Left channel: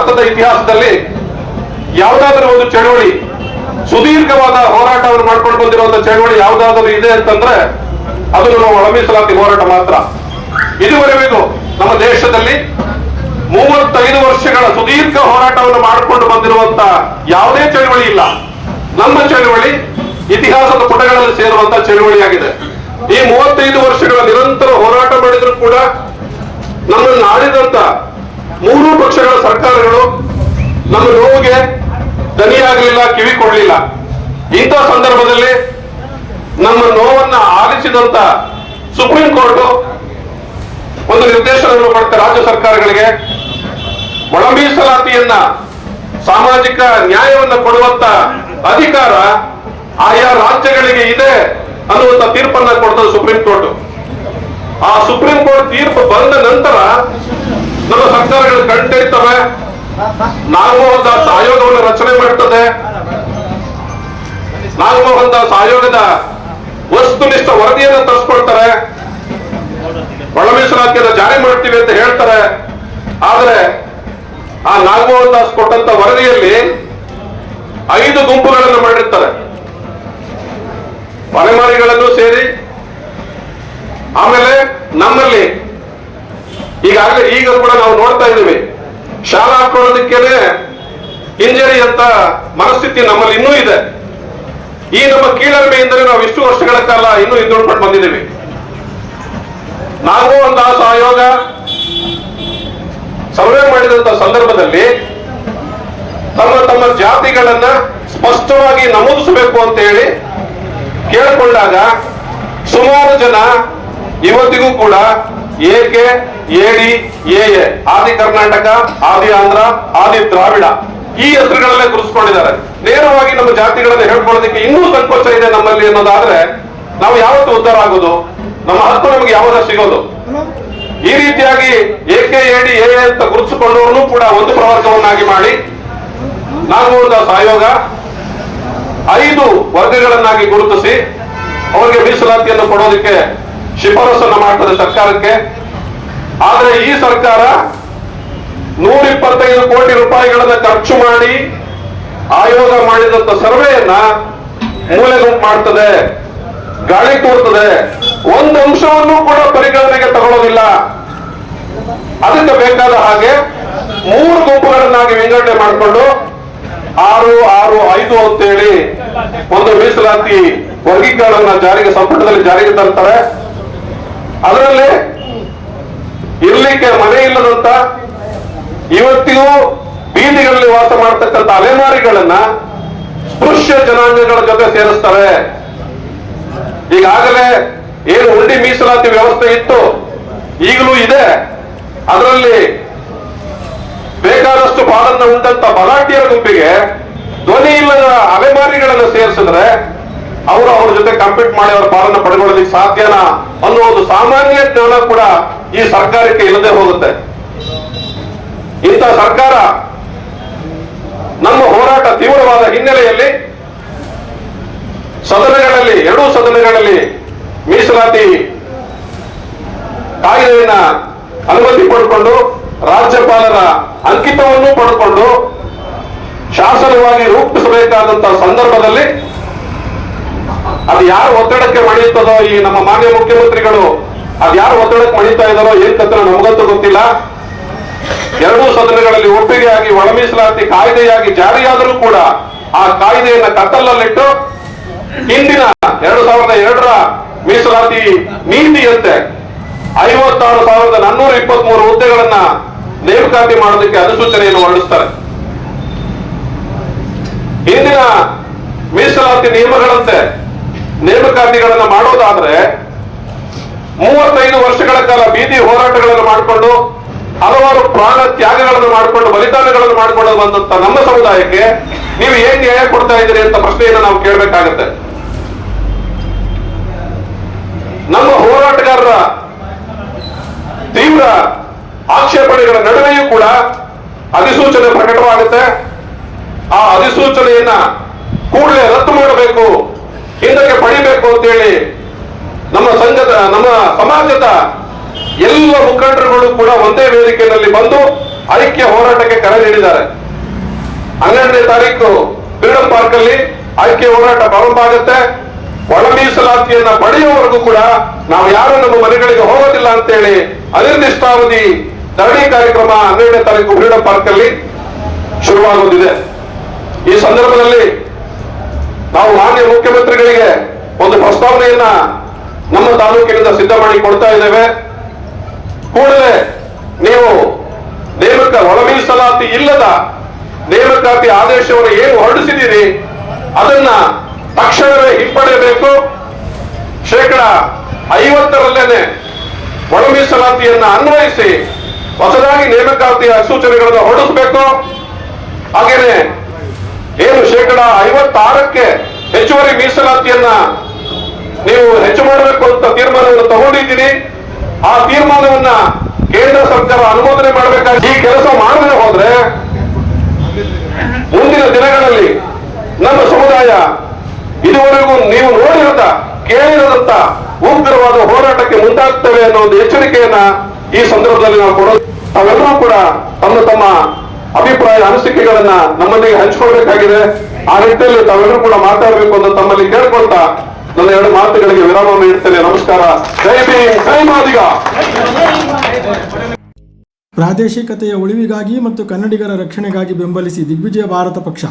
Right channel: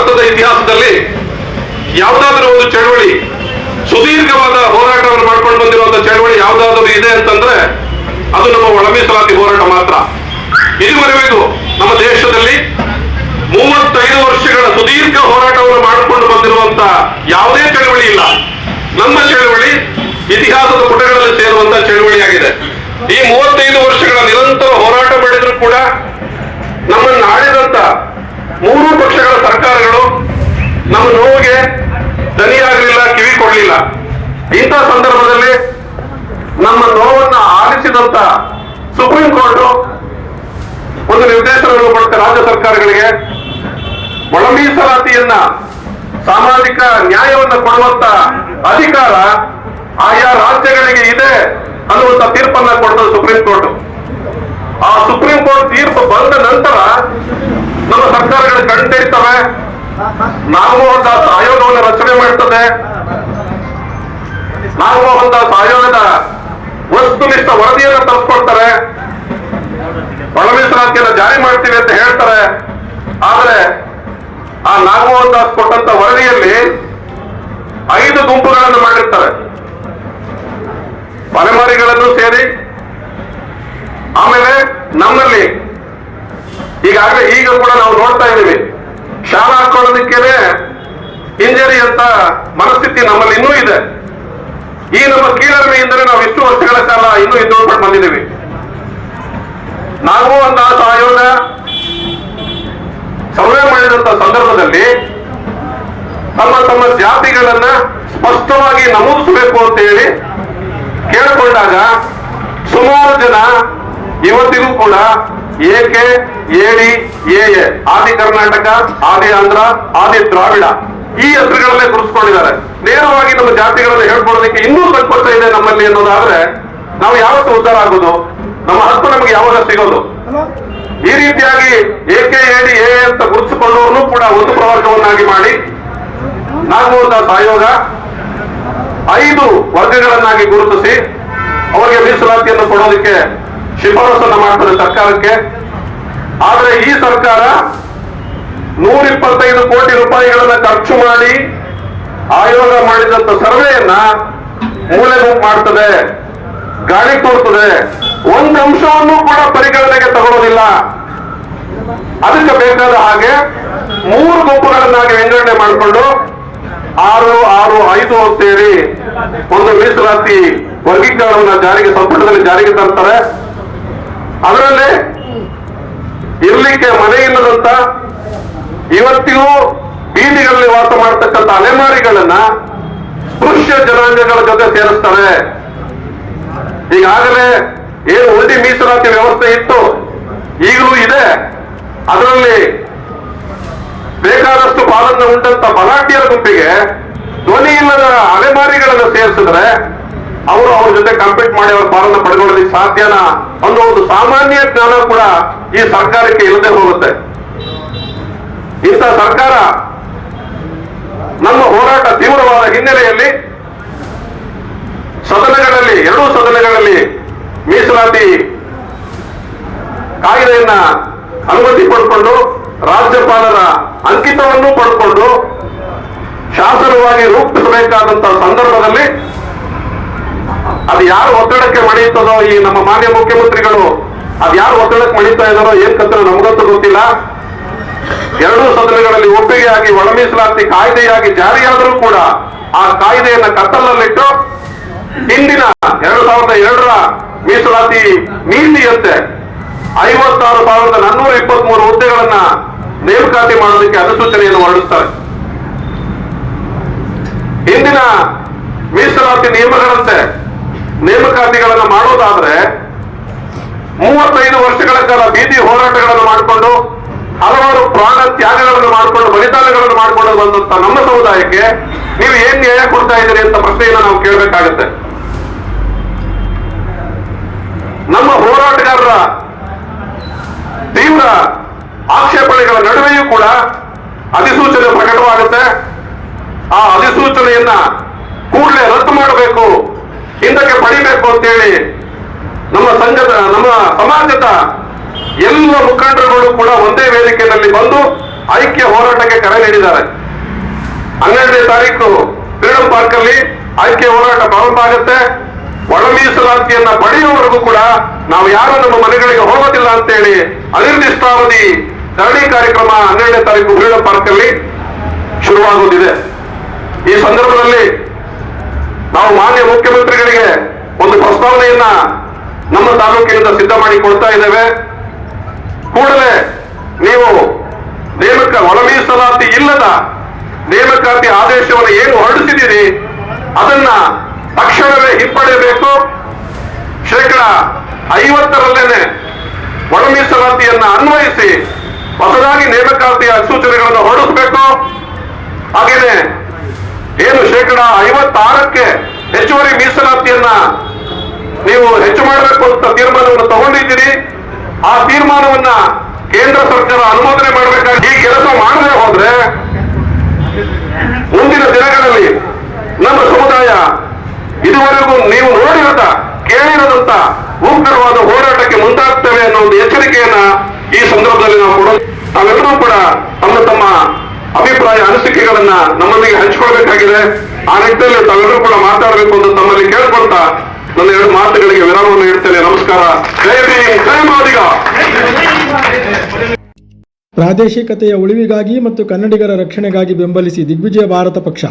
ಭಾರತದ ಇತಿಹಾಸದಲ್ಲಿ ಯಾವುದಾದ್ರೂ ಒಂದು ಚಳವಳಿ, ಸುದೀರ್ಘವಾದ ಹೋರಾಟವನ್ನು ಮಾಡ್ಕೊಂಡು ಬಂದಿರುವಂತಹ ಚಳವಳಿ ಯಾವುದಾದ್ರೂ ಇದೆ ಅಂತಂದ್ರೆ ಅದು ನಮ್ಮ ಒಳ ಮೀಸಲಾತಿ ಹೋರಾಟ ಮಾತ್ರ. ಇದುವರೆಗೂ ನಮ್ಮ ದೇಶದಲ್ಲಿ 35 ವರ್ಷಗಳ ಸುದೀರ್ಘ ಹೋರಾಟವನ್ನು ಮಾಡಿಕೊಂಡು ಬಂದಿರುವಂತ ಯಾವುದೇ ಚಳವಳಿ ಇಲ್ಲ. ನಮ್ಮ ಚಳವಳಿ ಇತಿಹಾಸದ ಪುಟಗಳಲ್ಲಿ ಸೇರುವಂತಹ ಚಳವಳಿಯಾಗಿದೆ. ಈ 35 ವರ್ಷಗಳ ನಿರಂತರ ಹೋರಾಟ ಮಾಡಿದ್ರು ಕೂಡ ನಮ್ಮನ್ನು ಆಳಿದಂತ 3 ಪಕ್ಷಗಳ ಸರ್ಕಾರಗಳು ನಮ್ಮ ನೋವಿಗೆ ದನಿಯಾಗಲಿಲ್ಲ, ಕಿವಿ ಕೊಡಲಿಲ್ಲ. ಇಂಥ ಸಂದರ್ಭದಲ್ಲಿ ನಮ್ಮ ನೋವನ್ನ ಆಲಿಸಿದಂತ ಸುಪ್ರೀಂ ಕೋರ್ಟ್ ಒಂದು ನಿರ್ದೇಶನವನ್ನು ಕೊಡುತ್ತೆ ರಾಜ್ಯ ಸರ್ಕಾರಗಳಿಗೆ. ಒಳ ಮೀಸಲಾತಿಯನ್ನ, ಸಾಮಾಜಿಕ ನ್ಯಾಯವನ್ನು ಕೊಡುವಂತ ಅಧಿಕಾರ ಆಯಾ ರಾಜ್ಯಗಳಿಗೆ ಇದೆ ಅನ್ನುವಂತ ತೀರ್ಪನ್ನ ಕೊಡ್ತದೆ ಸುಪ್ರೀಂ ಕೋರ್ಟ್. ಆ ಸುಪ್ರೀಂ ಕೋರ್ಟ್ ತೀರ್ಪು ಬಂದ ನಂತರ ನಮ್ಮ ಸರ್ಕಾರಗಳು ಕಂಡಿಡ್ತವೆ, ನಾಗಮೋಹನ್ ದಾಸ್ ಆಯೋಗವನ್ನು ರಚನೆ ಮಾಡ್ತದೆ. ನಾಗಮೋಹನ್ ದಾಸ್ ಆಯೋಗದ ವಸ್ತುನಿಷ್ಠ ವರದಿಯನ್ನು ತರಿಸ್ಕೊಳ್ತಾರೆ, ಒಳ ಮೀಸಲಾತಿಯನ್ನು ಜಾರಿ ಮಾಡ್ತೀವಿ ಅಂತ ಹೇಳ್ತಾರೆ. ಆದ್ರೆ ಆ ನಾಗಮೋಹನ್ ದಾಸ್ ಕೊಟ್ಟಂತ ವರದಿಯಲ್ಲಿ 5 ಗುಂಪುಗಳನ್ನು ಮಾಡಿರ್ತಾರೆ, ಪರಮಾರಿಗಳನ್ನು ಸೇರಿ. ಆಮೇಲೆ ನಮ್ಮಲ್ಲಿ ಈಗಾಗಲೇ ಈಗ ಕೂಡ ನಾವು ನೋಡ್ತಾ ಇದ್ದೀವಿ, ಶಾಲಾ ಹಾಕೊಳ್ಳೋದಕ್ಕೇನೆ ಹಿಂಜರಿ ಅಂತ ಮನಸ್ಥಿತಿ ನಮ್ಮಲ್ಲಿ ಇನ್ನೂ ಇದೆ. ಈ ನಮ್ಮ ಕೀಳರಿಮೆಯಿಂದಲೇ ನಾವು ಇಷ್ಟು ವರ್ಷಗಳ ಕಾಲ ಇನ್ನೂ ಇದ್ದುಕೊಂಡು ಬಂದಿದ್ದೀವಿ. ನಾಗಮೋಹನ್ ದಾಸ್ ಆಯೋಗ ಸರ್ವೆ ಮಾಡಿದಂತ ಸಂದರ್ಭದಲ್ಲಿ ತಮ್ಮ ಜಾತಿಗಳನ್ನ ಸ್ಪಷ್ಟವಾಗಿ ನಮೂದಿಸಬೇಕು ಅಂತ ಹೇಳಿ ಕೇಳಿಕೊಂಡಾಗ ಸುಮಾರು ಜನ ಇವತ್ತಿಗೂ ಕೂಡ ಏಕೆ, ಏಡಿ, ಎ, ಆದಿ ಕರ್ನಾಟಕ, ಆದಿ ಆಂಧ್ರ, ಆದಿ ದ್ರಾವಿಡ ಈ ಹೆಸರುಗಳಲ್ಲೇ ಗುರುತಿಸ್ಕೊಂಡಿದ್ದಾರೆ. ನೇರವಾಗಿ ನಮ್ಮ ಜಾತಿಗಳನ್ನ ಹೇಳ್ಕೊಳ್ಳೋದಕ್ಕೆ ಇನ್ನೂ ಸಂಕೋಚ ಇದೆ ನಮ್ಮಲ್ಲಿ ಅನ್ನೋದಾದ್ರೆ ನಾವು ಯಾವತ್ತು ಉದ್ಧಾರ ಆಗೋದು? ನಮ್ಮ ಹಕ್ಕು ನಮಗೆ ಯಾವಾಗ ಸಿಗೋದು? ಈ ರೀತಿಯಾಗಿ ಏಕೆ, ಎಡಿ, ಎ ಅಂತ ಗುರುತಿಸಿಕೊಳ್ಳುವನು ಕೂಡ ಒಂದು ಪ್ರವರ್ಗವನ್ನಾಗಿ ಮಾಡಿ ನಾಗಮೋಹನ್ ದಾಸ್ ಆಯೋಗ 5 ವರ್ಗಗಳನ್ನಾಗಿ ಗುರುತಿಸಿ ಅವರಿಗೆ ಮೀಸಲಾತಿಯನ್ನು ಕೊಡೋದಕ್ಕೆ ಶಿಫಾರಸನ್ನು ಮಾಡ್ತದೆ ಸರ್ಕಾರಕ್ಕೆ. ಆದ್ರೆ ಈ ಸರ್ಕಾರ 125 ಕೋಟಿ ರೂಪಾಯಿಗಳನ್ನ ಖರ್ಚು ಮಾಡಿ ಆಯೋಗ ಮಾಡಿದಂತ ಸರ್ವೆಯನ್ನ ಮೂಲೆಗುಂಪು ಮಾಡ್ತದೆ, ಗಾಳಿ ತೋರ್ತದೆ. ಒಂದು ಅಂಶವನ್ನು ಕೂಡ ಪರಿಗಣನೆಗೆ ತಗೊಳ್ಳೋದಿಲ್ಲ. ಅದಕ್ಕೆ ಬೇಕಾದ ಹಾಗೆ 3 ಗುಂಪುಗಳನ್ನಾಗಿ ವಿಂಗಡಣೆ ಮಾಡಿಕೊಂಡು 6, 6, 5 ಅಂತೇಳಿ ಒಂದು ಮೀಸಲಾತಿ ವರ್ಗೀಕರಣವನ್ನ ಸಂಪುಟದಲ್ಲಿ ಜಾರಿಗೆ ತರ್ತಾರೆ. ಅದರಲ್ಲಿ ಇರ್ಲಿಕ್ಕೆ ಮನೆ ಇಲ್ಲದಂತ, ಇವತ್ತಿಗೂ ಬೀದಿಗಳಲ್ಲಿ ವಾಸ ಮಾಡತಕ್ಕಂಥ ಅಲೆಮಾರಿಗಳನ್ನ ಸ್ಪೃಶ್ಯ ಜನಾಂಗಗಳ ಜೊತೆ ಸೇರಿಸ್ತಾರೆ. ಈಗಾಗಲೇ ಏನು ಉಂಡಿ ಮೀಸಲಾತಿ ವ್ಯವಸ್ಥೆ ಇತ್ತು, ಈಗಲೂ ಇದೆ. ಅದರಲ್ಲಿ ಬೇಕಾದಷ್ಟು ಪಾಲನ್ನ ಉಂಟಂತ ಬಲಾಢ್ಯರ ಗುಂಪಿಗೆ ಧ್ವನಿ ಇಲ್ಲದ ಅಲೆಮಾರಿಗಳನ್ನು ಸೇರಿಸಿದ್ರೆ ಅವರು ಅವ್ರ ಜೊತೆ ಕಂಪೀಟ್ ಮಾಡಿ ಅವರ ಪಾಲನ್ನ ಪಡ್ಕೊಳ್ಳೋದಕ್ಕೆ ಸಾಧ್ಯನಾ ಅನ್ನೋ ಒಂದು ಸಾಮಾನ್ಯ ಜ್ಞಾನ ಕೂಡ ಈ ಸರ್ಕಾರಕ್ಕೆ ಇಲ್ಲದೆ ಹೋಗುತ್ತೆ. ಇಂಥ ಸರ್ಕಾರ ನಮ್ಮ ಹೋರಾಟ ತೀವ್ರವಾದ ಹಿನ್ನೆಲೆಯಲ್ಲಿ ಸದನಗಳಲ್ಲಿ, 2 ಸದನಗಳಲ್ಲಿ ಮೀಸಲಾತಿ ಕಾಯ್ದೆಯನ್ನ ಅನುಮತಿ ಪಡೆದುಕೊಂಡು ರಾಜ್ಯಪಾಲರ ಅಂಕಿತವನ್ನು ಪಡೆದುಕೊಂಡು ಶಾಸನವಾಗಿ ರೂಪಿಸಬೇಕಾದಂತಹ ಸಂದರ್ಭದಲ್ಲಿ ಅದು ಯಾರು ಒತ್ತಡಕ್ಕೆ ಮಣಿಯುತ್ತದೋ, ಈ ನಮ್ಮ ಮಾನ್ಯ ಮುಖ್ಯಮಂತ್ರಿಗಳು ಅದು ಯಾರು ಒತ್ತಡಕ್ಕೆ ಮಣಿತಾ ಇದ್ದಾರೋ ಏನ್ ಕತ್ರ ನಮಗಂತೂ ಗೊತ್ತಿಲ್ಲ. 2 ಸದನಗಳಲ್ಲಿ ಒಪ್ಪಿಗೆಯಾಗಿ ಒಳ ಮೀಸಲಾತಿ ಕಾಯ್ದೆಯಾಗಿ ಜಾರಿಯಾದರೂ ಕೂಡ ಆ ಕಾಯ್ದೆಯನ್ನ ಕತ್ತಲಲ್ಲಿಟ್ಟು ಹಿಂದಿನ 2002ರ ಮೀಸಲಾತಿ ನೀತಿಯಂತೆ 56,423 ಹುದ್ದೆಗಳನ್ನ ನೇಮಕಾತಿ ಮಾಡೋದಕ್ಕೆ ಅಧಿಸೂಚನೆಯನ್ನು ಹೊರಡಿಸ್ತಾರೆ. ಹಿಂದಿನ ಮೀಸಲಾತಿ ನಿಯಮಗಳಂತೆ ನೇಮಕಾತಿಗಳನ್ನ ಮಾಡೋದಾದ್ರೆ 35 ವರ್ಷಗಳ ಕಾಲ ಬೀದಿ ಹೋರಾಟಗಳನ್ನು ಮಾಡಿಕೊಂಡು ಹಲವಾರು ಪ್ರಾಣ ತ್ಯಾಗಗಳನ್ನು ಮಾಡಿಕೊಂಡು ಬಲಿದಾನಗಳನ್ನು ಮಾಡಿಕೊಂಡು ಬಂದಂತ ನಮ್ಮ ಸಮುದಾಯಕ್ಕೆ ನೀವು ಏನ್ ನ್ಯಾಯ ಕೊಡ್ತಾ ಇದ್ದೀರಿ ಅಂತ ಪ್ರಶ್ನೆಯನ್ನು ನಾವು ಕೇಳಬೇಕಾಗುತ್ತೆ. ನಮ್ಮ ಹೋರಾಟಗಾರರ ತೀವ್ರ ಆಕ್ಷೇಪಣೆಗಳ ನಡುವೆಯೂ ಕೂಡ ಅಧಿಸೂಚನೆ ಪ್ರಕಟವಾಗುತ್ತೆ. ಆ ಅಧಿಸೂಚನೆಯನ್ನ ಕೂಡಲೇ ರದ್ದು ಮಾಡಬೇಕು, ಹಿಂದಕ್ಕೆ ಪಡಿಬೇಕು ಅಂತೇಳಿ ನಮ್ಮ ಸಮಾಜದ ಎಲ್ಲ ಮುಖಂಡರುಗಳು ಕೂಡ ಒಂದೇ ವೇದಿಕೆಯಲ್ಲಿ ಬಂದು ಐಕ್ಯ ಹೋರಾಟಕ್ಕೆ ಕರೆ ನೀಡಿದ್ದಾರೆ. 12ನೇ ತಾರೀಕು ಫ್ರೀಡಂ ಪಾರ್ಕ್ ಅಲ್ಲಿ ಐಕ್ಯ ಹೋರಾಟ ಪ್ರಾರಂಭ ಆಗುತ್ತೆ. ಒಳ ಮೀಸಲಾತಿಯನ್ನ ಪಡೆಯುವವರೆಗೂ ಕೂಡ ನಾವು ಯಾರು ನಮ್ಮ ಮನೆಗಳಿಗೆ ಹೋಗೋದಿಲ್ಲ ಅಂತೇಳಿ ಅನಿರ್ದಿಷ್ಟಾವಧಿ ಧರಣಿ ಕಾರ್ಯಕ್ರಮ 12ನೇ ತಾರೀಕು ಫ್ರೀಡಂ ಪಾರ್ಕ್ ಅಲ್ಲಿ ಶುರುವಾಗುವುದಿದೆ. ಈ ಸಂದರ್ಭದಲ್ಲಿ ನಾವು ಮಾನ್ಯ ಮುಖ್ಯಮಂತ್ರಿಗಳಿಗೆ ಒಂದು ಪ್ರಸ್ತಾವನೆಯನ್ನ ನಮ್ಮ ತಾಲೂಕಿನಿಂದ ಸಿದ್ಧ ಮಾಡಿ ಕೊಡ್ತಾ ಇದ್ದೇವೆ. ಕೂಡಲೇ ನೀವು ಒಳ ಮೀಸಲಾತಿ ಇಲ್ಲದ ನೇಮಕಾತಿ ಆದೇಶವನ್ನು ಏನು ಹೊರಡಿಸಿದ್ದೀರಿ ಅದನ್ನ ತಕ್ಷಣವೇ ಹಿಂಪಡೆಯಬೇಕು. 50%ರಲ್ಲೇನೆ ಒಳ ಮೀಸಲಾತಿಯನ್ನ ಅನ್ವಯಿಸಿ ಹೊಸದಾಗಿ ನೇಮಕಾತಿಯ ಸೂಚನೆಗಳನ್ನು ಹೊರಡಿಸಬೇಕು. ಹಾಗೇನೆ ಏನು 56%ಕ್ಕೆ ಹೆಚ್ಚುವರಿ ಮೀಸಲಾತಿಯನ್ನ ನೀವು ಹೆಚ್ಚು ಮಾಡಬೇಕು ಅಂತ ತೀರ್ಮಾನವನ್ನು ತಗೊಂಡಿದ್ದೀರಿ. ಆ ತೀರ್ಮಾನವನ್ನ ಕೇಂದ್ರ ಸರ್ಕಾರ ಅನುಮೋದನೆ ಮಾಡಬೇಕಾಗಿ ಈ ಕೆಲಸ ಮಾಡದೆ ಹೋದ್ರೆ ಮುಂದಿನ ದಿನಗಳಲ್ಲಿ ನಮ್ಮ ಸಮುದಾಯ ಇದುವರೆಗೂ ನೀವು ನೋಡಿರದ ಕೇಳಿರದಂತ ಉಗ್ರವಾದ ಹೋರಾಟಕ್ಕೆ ಮುಂದಾಗ್ತೇವೆ ಅನ್ನೋ ಒಂದು ಎಚ್ಚರಿಕೆಯನ್ನ ಈ ಸಂದರ್ಭದಲ್ಲಿ ನಾವು ಕೊಡೋದು. ನಾವೆಲ್ಲರೂ ಕೂಡ ತಮ್ಮ ಅಭಿಪ್ರಾಯ ಅನಿಸಿಕೆಗಳನ್ನ ನಮ್ಮೊಂದಿಗೆ ಹಂಚಿಕೊಳ್ಬೇಕಾಗಿದೆ. ಆ ನಿಟ್ಟಿನಲ್ಲಿ ತಾವೆಲ್ಲರೂ ಕೂಡ ಮಾತಾಡಬೇಕು ಅಂತ ತಮ್ಮಲ್ಲಿ ಕೇಳ್ಕೊಳ್ತಾ ನನ್ನ 2 ಮಾತುಗಳಿಗೆ ವಿರಾಮವನ್ನು ಇಡ್ತೇನೆ. ನಮಸ್ಕಾರ. ಜೈ ಭೀಮ್, ಜೈ ಮಾದಿಗ. ಪ್ರಾದೇಶಿಕತೆಯ ಉಳಿವಿಗಾಗಿ ಮತ್ತು ಕನ್ನಡಿಗರ ರಕ್ಷಣೆಗಾಗಿ ಬೆಂಬಲಿಸಿ ದಿಗ್ವಿಜಯ ಭಾರತ ಪಕ್ಷ.